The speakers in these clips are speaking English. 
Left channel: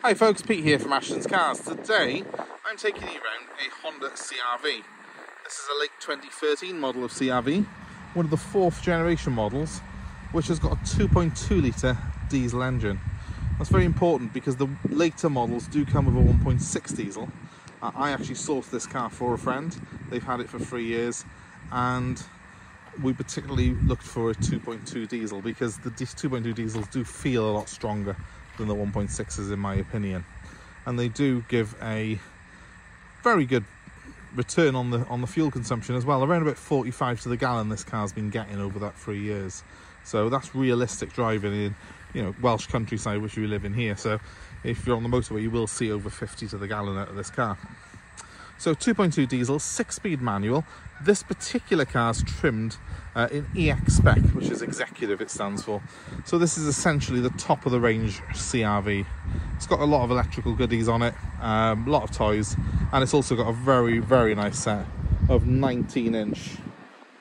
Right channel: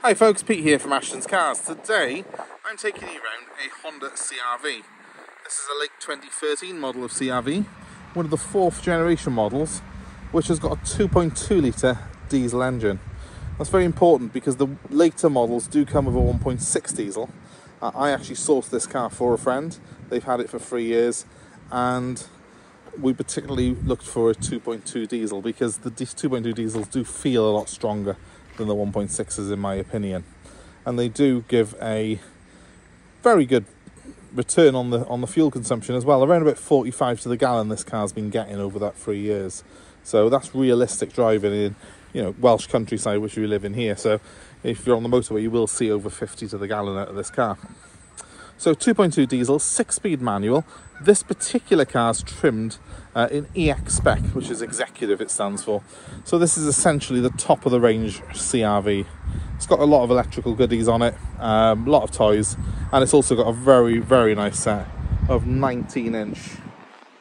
Hi folks, Pete here from Ashton's Cars. Today I'm taking you around a Honda CR-V. This is a late 2013 model of CR-V, one of the 4th generation models, which has got a 2.2 litre diesel engine. That's very important because the later models do come with a 1.6 diesel. I actually sourced this car for a friend. They've had it for 3 years, and we particularly looked for a 2.2 diesel because the 2.2 diesels do feel a lot stronger than the 1.6s in my opinion, and they do give a very good return on the fuel consumption as well. Around about 45 to the gallon this car's been getting over that 3 years, so that's realistic driving in, you know, Welsh countryside, which we live in here. So if you're on the motorway, you will see over 50 to the gallon out of this car. So 2.2 diesel, 6-speed manual. This particular car's trimmed in EX spec, which is executive it stands for. So this is essentially the top of the range CR-V. It's got a lot of electrical goodies on it, a lot of toys, and it's also got a very, very nice set of 19-inch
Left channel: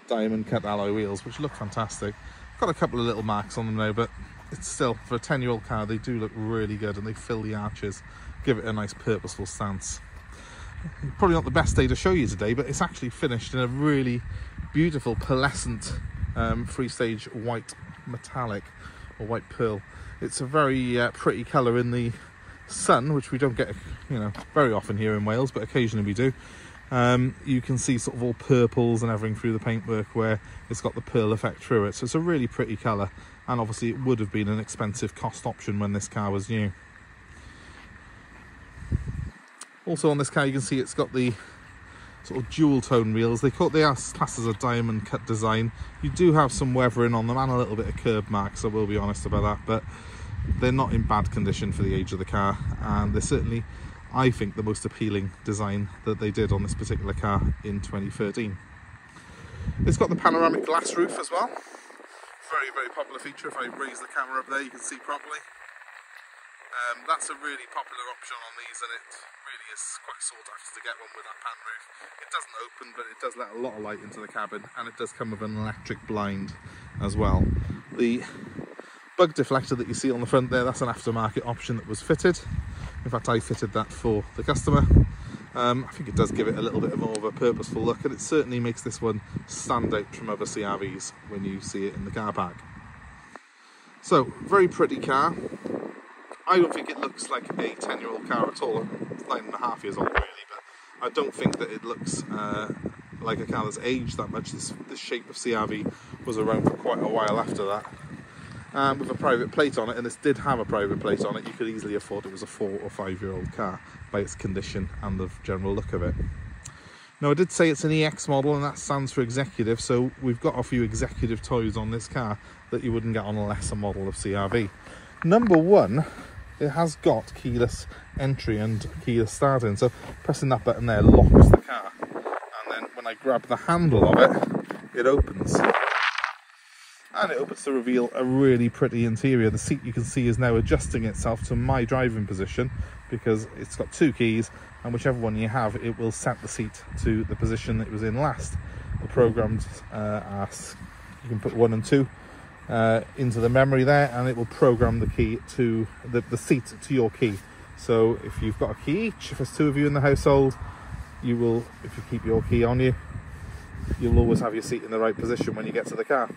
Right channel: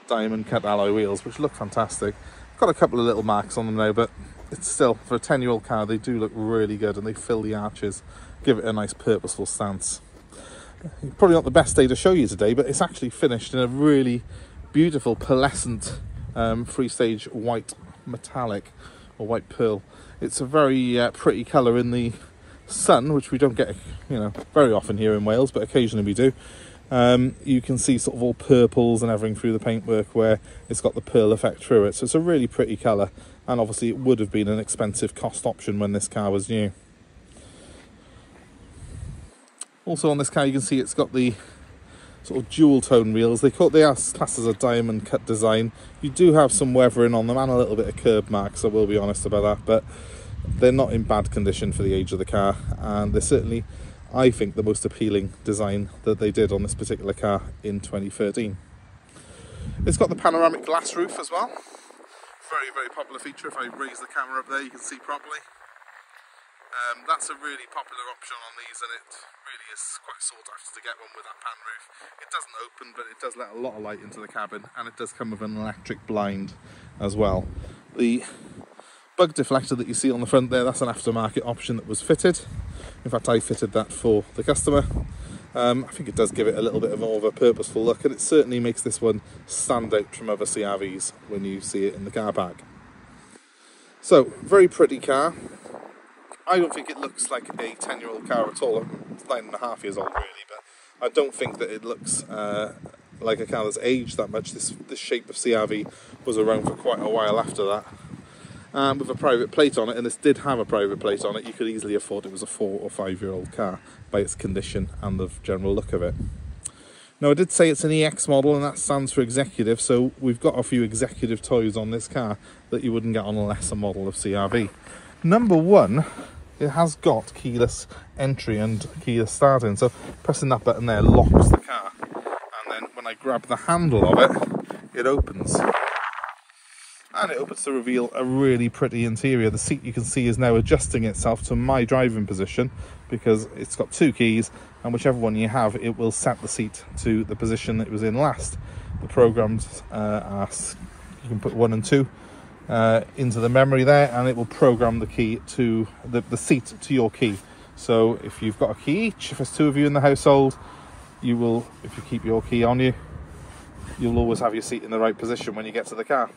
diamond cut alloy wheels, which look fantastic. Got a couple of little marks on them now, but it's still, for a 10-year-old car, they do look really good, and they fill the arches, give it a nice purposeful stance. Probably not the best day to show you today, but it's actually finished in a really beautiful pearlescent 3-stage white metallic or white pearl. It's a very pretty colour in the sun, which we don't get, you know, very often here in Wales, but occasionally we do. You can see sort of all purples and everything through the paintwork where it's got the pearl effect through it. So it's a really pretty colour, and obviously it would have been an expensive cost option when this car was new. Also on this car you can see it's got the sort of dual tone wheels. They are classed as a diamond cut design. You do have some weathering on them and a little bit of curb marks, I will be honest about that, but they're not in bad condition for the age of the car, and they're certainly, I think, the most appealing design that they did on this particular car in 2013. It's got the panoramic glass roof as well. Very, very popular feature. If I raise the camera up there you can see properly. That's a really popular option on these, and it really is quite sought after to get one with that pan roof. It doesn't open, but it does let a lot of light into the cabin, and it does come with an electric blind as well. The bug deflector that you see on the front there, that's an aftermarket option that was fitted. In fact, I fitted that for the customer. I think it does give it a little bit more of a purposeful look, and it certainly makes this one stand out from other CR-Vs when you see it in the car park. So, very pretty car. I don't think it looks like a 10-year-old car at all. It's 9.5 years old really, but I don't think that it looks like a car that's aged that much. This shape of CR-V was around for quite a while after that. With a private plate on it, and this did have a private plate on it, you could easily have thought it was a 4 or 5-year-old car by its condition and the general look of it. Now I did say it's an EX model, and that stands for executive, so we've got a few executive toys on this car that you wouldn't get on a lesser model of CR-V. Number one, it has got keyless entry and keyless starting, so pressing that button there locks the car, and then when I grab the handle of it, it opens. And it opens to reveal a really pretty interior. The seat, you can see, is now adjusting itself to my driving position because it's got 2 keys, and whichever one you have, it will set the seat to the position that it was in last. The programs are, you can put 1 and 2 into the memory there, and it will program the key to the seat to your key. So if you've got a key each, if there's 2 of you in the household, you will, if you keep your key on you, you'll always have your seat in the right position when you get to the car.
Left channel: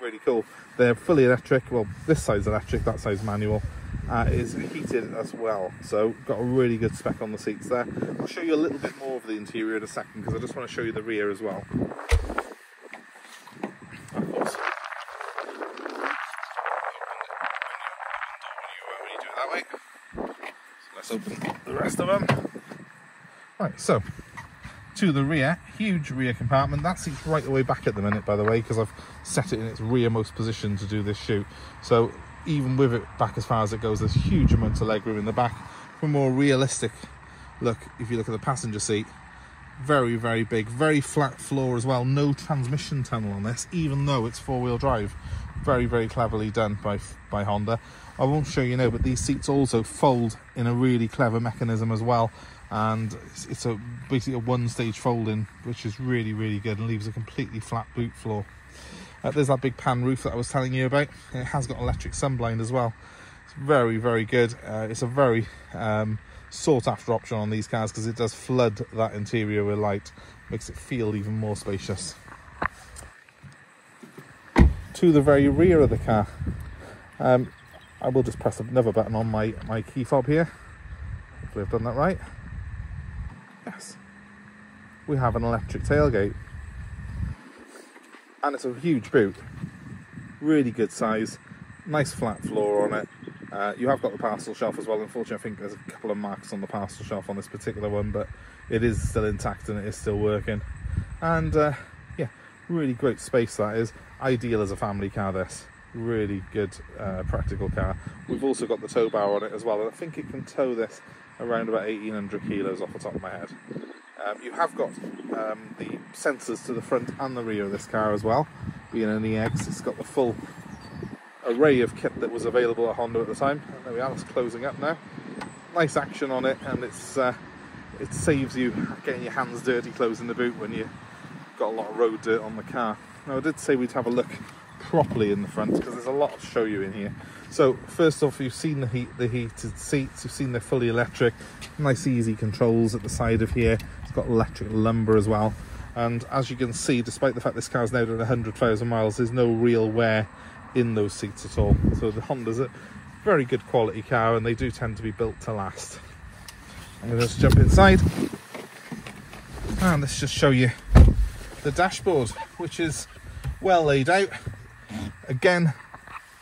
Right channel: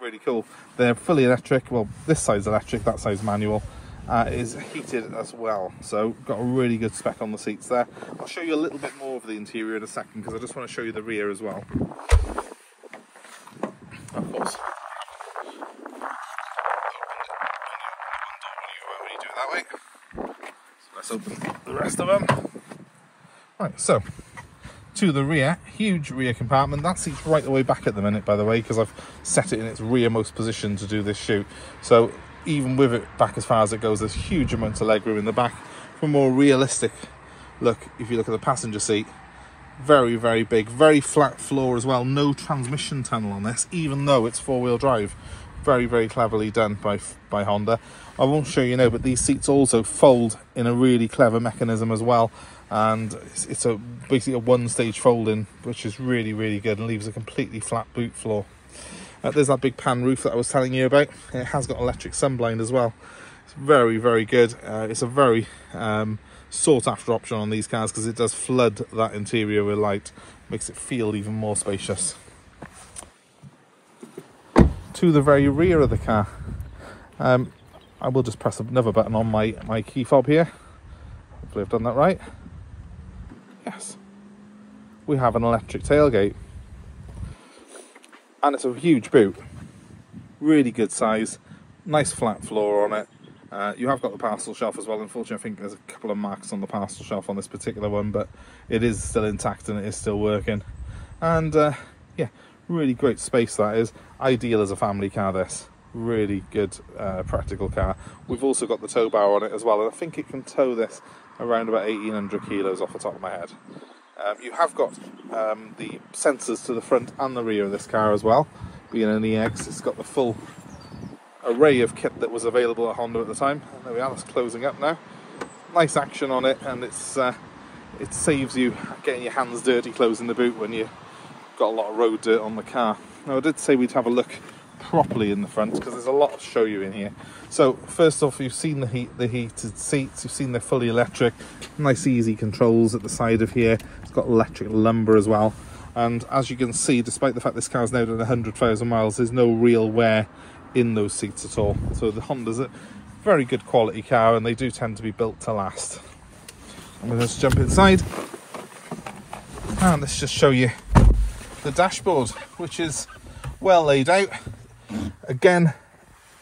Really cool. They're fully electric. Well, this side's electric, that side's manual. Is heated as well, so got a really good spec on the seats there. I'll show you a little bit more of the interior in a second because I just want to show you the rear as well. Of course, let's open the rest of them. Right, so to the rear, huge rear compartment. That seat's right the way back at the minute, by the way, because I've set it in its rearmost position to do this shoot. So even with it back as far as it goes, there's huge amounts of legroom in the back. For a more realistic look, if you look at the passenger seat, very, very big, very flat floor as well. No transmission tunnel on this, even though it's 4-wheel drive. Very, very cleverly done by Honda. I won't show you now, but these seats also fold in a really clever mechanism as well, and it's basically a 1-stage folding, which is really, really good and leaves a completely flat boot floor. There's that big pan roof that I was telling you about. It has got electric sunblind as well. It's very, very good. It's a very sought after option on these cars because it does flood that interior with light, makes it feel even more spacious. To the very rear of the car, I will just press another button on my key fob here. Hopefully I've done that right. Yes. We have an electric tailgate. And it's a huge boot. Really good size. Nice flat floor on it. You have got the parcel shelf as well. Unfortunately, I think there's a couple of marks on the parcel shelf on this particular one, but it is still intact and it is still working. And yeah, really great space that is. Ideal as a family car, this. Really good practical car. We've also got the tow bar on it as well, and I think it can tow this around about 1800 kilos off the top of my head. You have got the sensors to the front and the rear of this car as well. Being an EX, it's got the full array of kit that was available at Honda at the time. There we are, it's closing up now. Nice action on it, and it saves you getting your hands dirty closing the boot when you've got a lot of road dirt on the car. Now I did say we'd have a look properly in the front because there's a lot to show you in here. So first off, you've seen the heated seats, you've seen the fully electric, nice easy controls at the side of here. It's got electric lumbar as well, and as you can see, despite the fact this car's now done 100,000 miles, there's no real wear in those seats at all. So the Honda's a very good quality car, and they do tend to be built to last. I'm going to just jump inside and let's just show you the dashboard, which is well laid out. Again,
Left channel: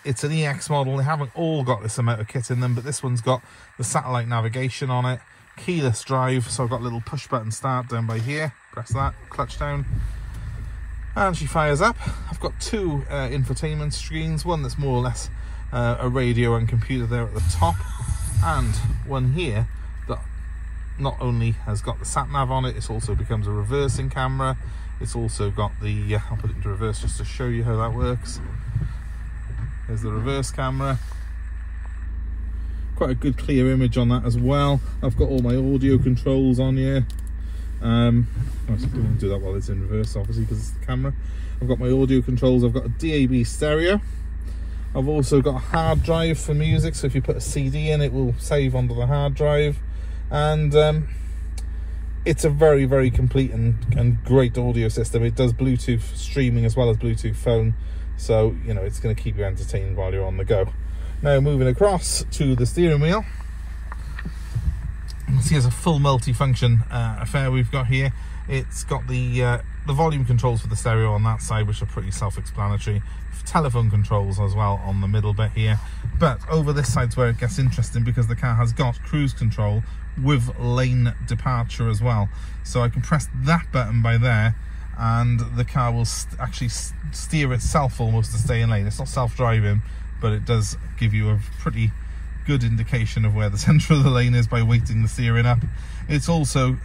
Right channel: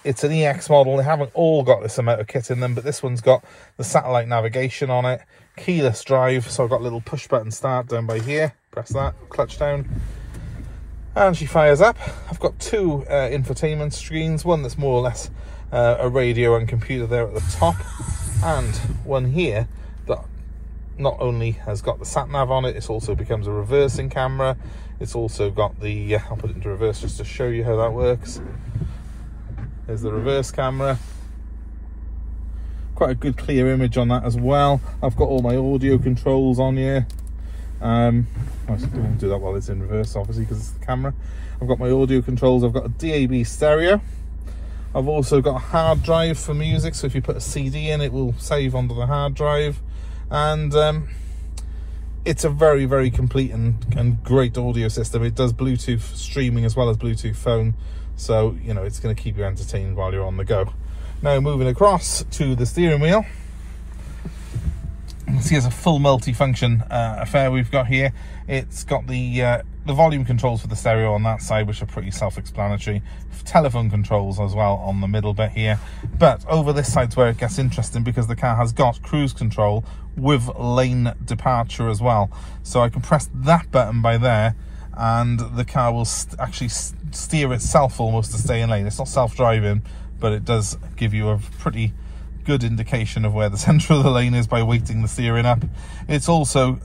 it's an EX model. They haven't all got this amount of kit in them, but this one's got the satellite navigation on it, keyless drive, so I've got a little push button start down by here. Press that, clutch down, and she fires up. I've got two infotainment screens, one that's more or less a radio and computer there at the top, and one here that not only has got the sat nav on it, it also becomes a reversing camera. It's also got the I'll put it into reverse just to show you how that works. There's the reverse camera. Quite a good clear image on that as well. I've got all my audio controls on here. I don't do that while it's in reverse, obviously, because it's the camera. I've got my audio controls. I've got a DAB stereo. I've also got a hard drive for music, so if you put a CD in, it will save onto the hard drive. And it's a very, very complete and great audio system. It does Bluetooth streaming as well as Bluetooth phone, so you know it's going to keep you entertained while you're on the go. Now moving across to the steering wheel, you can see it's a full multi-function affair we've got here. It's got the volume controls for the stereo on that side, which are pretty self-explanatory. Telephone controls as well on the middle bit here, but over this side's where it gets interesting because the car has got cruise control with lane departure as well. So I can press that button by there and the car will actually steer itself almost to stay in lane. It's not self-driving, but it does give you a pretty good indication of where the centre of the lane is by weighting the steering up. It's also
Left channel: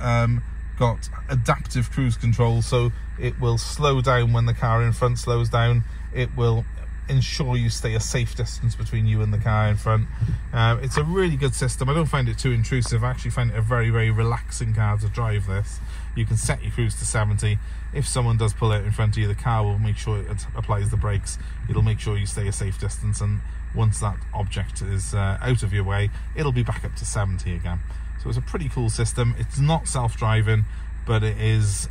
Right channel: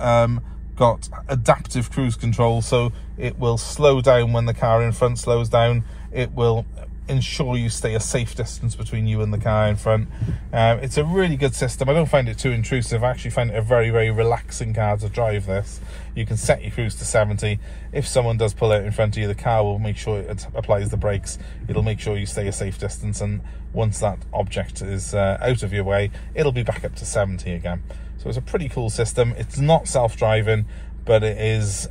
got adaptive cruise control, so it will slow down when the car in front slows down. It will ensure you stay a safe distance between you and the car in front. It's a really good system. I don't find it too intrusive. I actually find it a very, very relaxing car to drive this. You can set your cruise to 70. If someone does pull out in front of you, the car will make sure it applies the brakes. It'll make sure you stay a safe distance, and once that object is out of your way, it'll be back up to 70 again. So it's a pretty cool system. It's not self-driving, but it is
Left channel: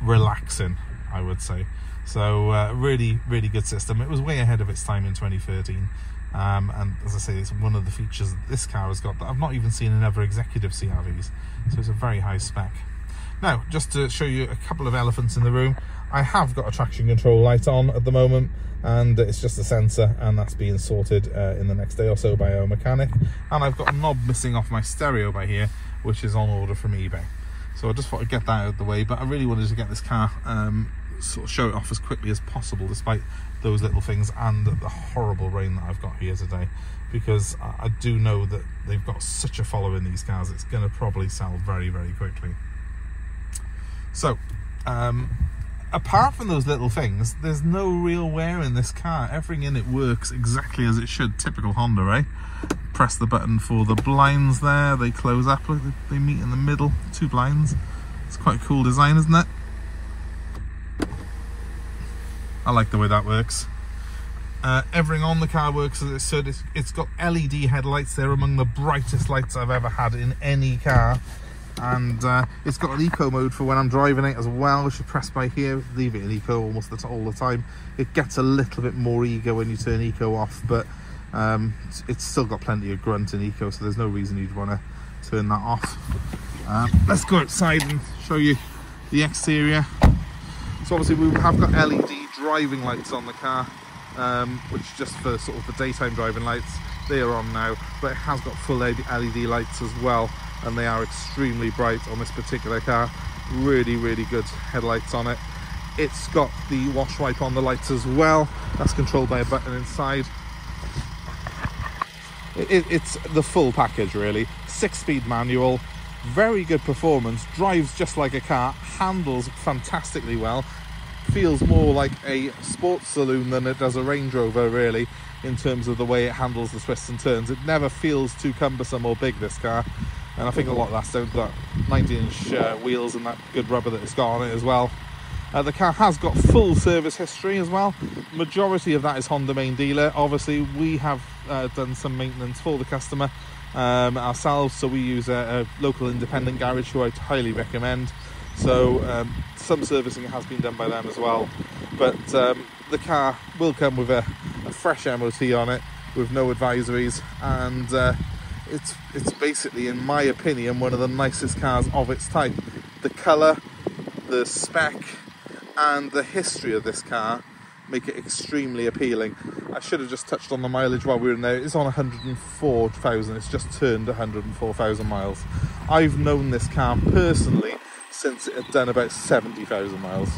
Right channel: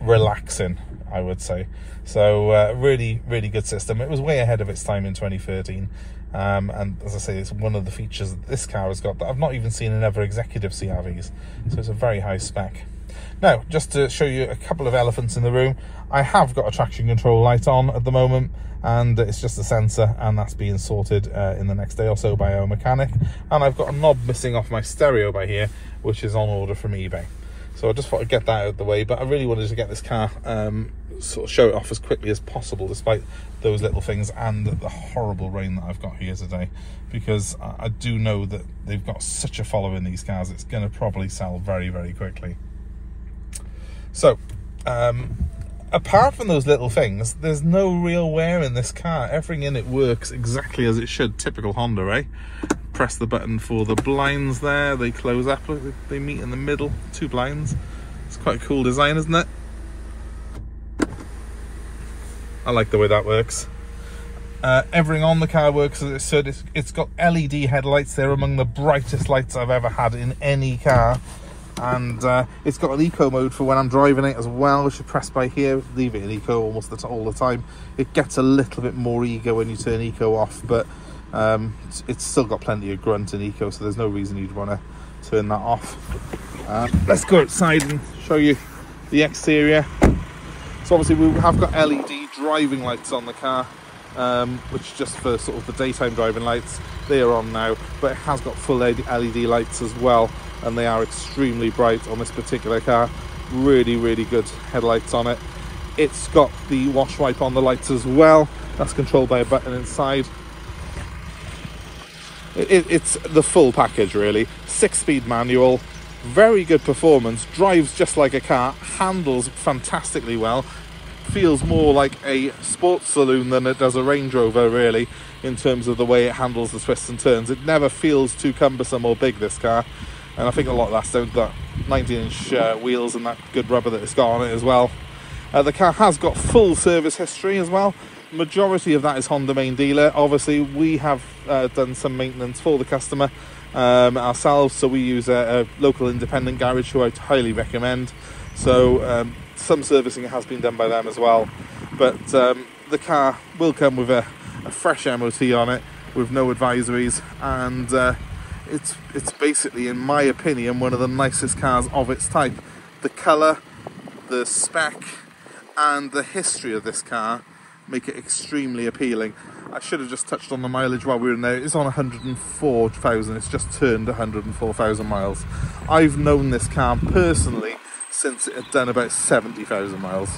relaxing, I would say. So really, really good system. It was way ahead of its time in 2013. And as I say, it's one of the features that this car has got that I've not even seen in other executive CRVs. So it's a very high spec. Now, just to show you a couple of elephants in the room, I have got a traction control light on at the moment, and it's just a sensor, and that's being sorted in the next day or so by our mechanic. And I've got a knob missing off my stereo by here, which is on order from eBay. So I just thought I'd get that out of the way, but I really wanted to get this car sort of show it off as quickly as possible, despite those little things and the horrible rain that I've got here today, because I do know that they've got such a following, these cars. It's going to probably sell very, very quickly. So apart from those little things, there's no real wear in this car. Everything in it works exactly as it should. Typical Honda, eh? Press the button for the blinds there, they close up, they meet in the middle, two blinds. It's quite a cool design, isn't it? I like the way that works. Everything on the car works as it should. It's got LED headlights. They're among the brightest lights I've ever had in any car. And it's got an eco mode for when I'm driving it as well, which you press by here. Leave it in eco almost all the time. It gets a little bit more eager when you turn eco off, but it's still got plenty of grunt in eco, so there's no reason you'd want to turn that off. Let's go outside and show you the exterior. So obviously we have got LED driving lights on the car, which just for sort of the daytime driving lights. They are on now, but it has got full LED lights as well, and they are extremely bright on this particular car. Really, really good headlights on it. It's got the wash wipe on the lights as well. That's controlled by a button inside. It's the full package really. 6-speed manual, very good performance, drives just like a car, handles fantastically well, feels more like a sports saloon than it does a Range Rover really, in terms of the way it handles the twists and turns. It never feels too cumbersome or big, this car, and I think a lot of that's down to that 19-inch wheels and that good rubber that it's got on it as well. The car has got full service history as well. Majority of that is Honda main dealer. Obviously we have done some maintenance for the customer ourselves, so we use a local independent garage who I highly recommend. So some servicing has been done by them as well, but the car will come with a fresh MOT on it with no advisories, and it's basically, in my opinion, one of the nicest cars of its type. The colour, the spec and the history of this car make it extremely appealing. I should have just touched on the mileage while we were in there. It's on 104,000. It's just turned 104,000 miles. I've known this car personally since it had done about 70,000 miles.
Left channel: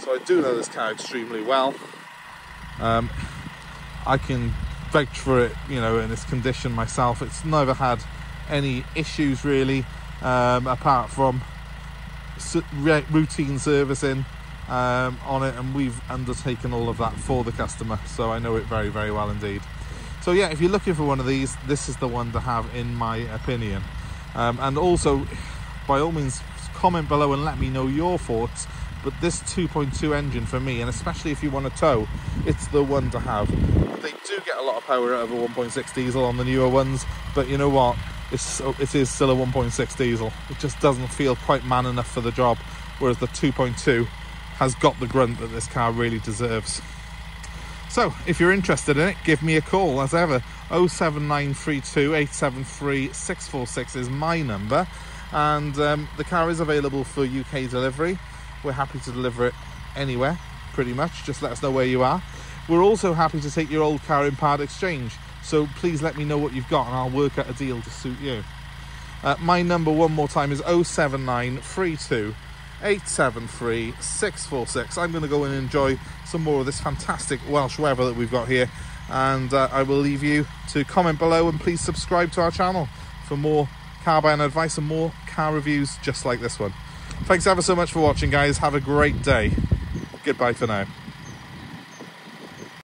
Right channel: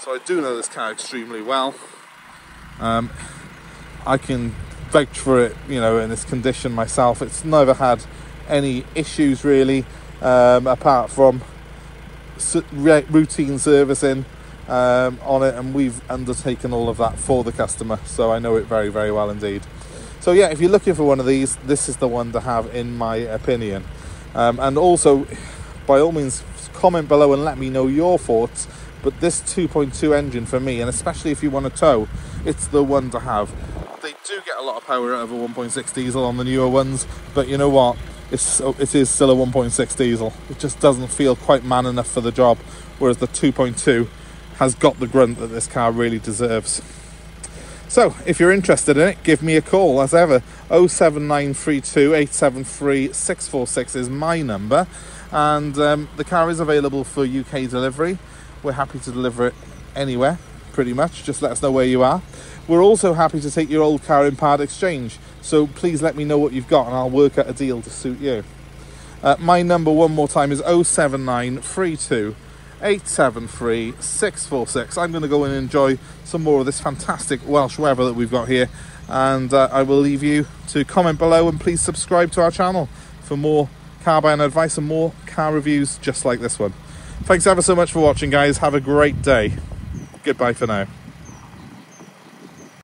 So I do know this car extremely well. I can vouch for it, you know, in its condition myself. It's never had any issues really, apart from routine servicing on it, and we've undertaken all of that for the customer, so I know it very, very well indeed. So yeah, if you're looking for one of these, this is the one to have in my opinion. And also, by all means, comment below and let me know your thoughts, but this 2.2 engine for me, and especially if you want to tow, it's the one to have. They do get a lot of power out of a 1.6 diesel on the newer ones, but you know what, it is still a 1.6 diesel. It just doesn't feel quite man enough for the job, whereas the 2.2 has got the grunt that this car really deserves. So if you're interested in it, give me a call as ever. 07932 873 646 is my number, and the car is available for UK delivery. We're happy to deliver it anywhere pretty much, just let us know where you are. We're also happy to take your old car in part exchange, so please let me know what you've got and I'll work out a deal to suit you. My number one more time is 07932 873 646. I'm going to go and enjoy some more of this fantastic Welsh weather that we've got here, and I will leave you to comment below, and please subscribe to our channel for more car buying advice and more car reviews just like this one. Thanks ever so much for watching, guys. Have a great day. Goodbye for now.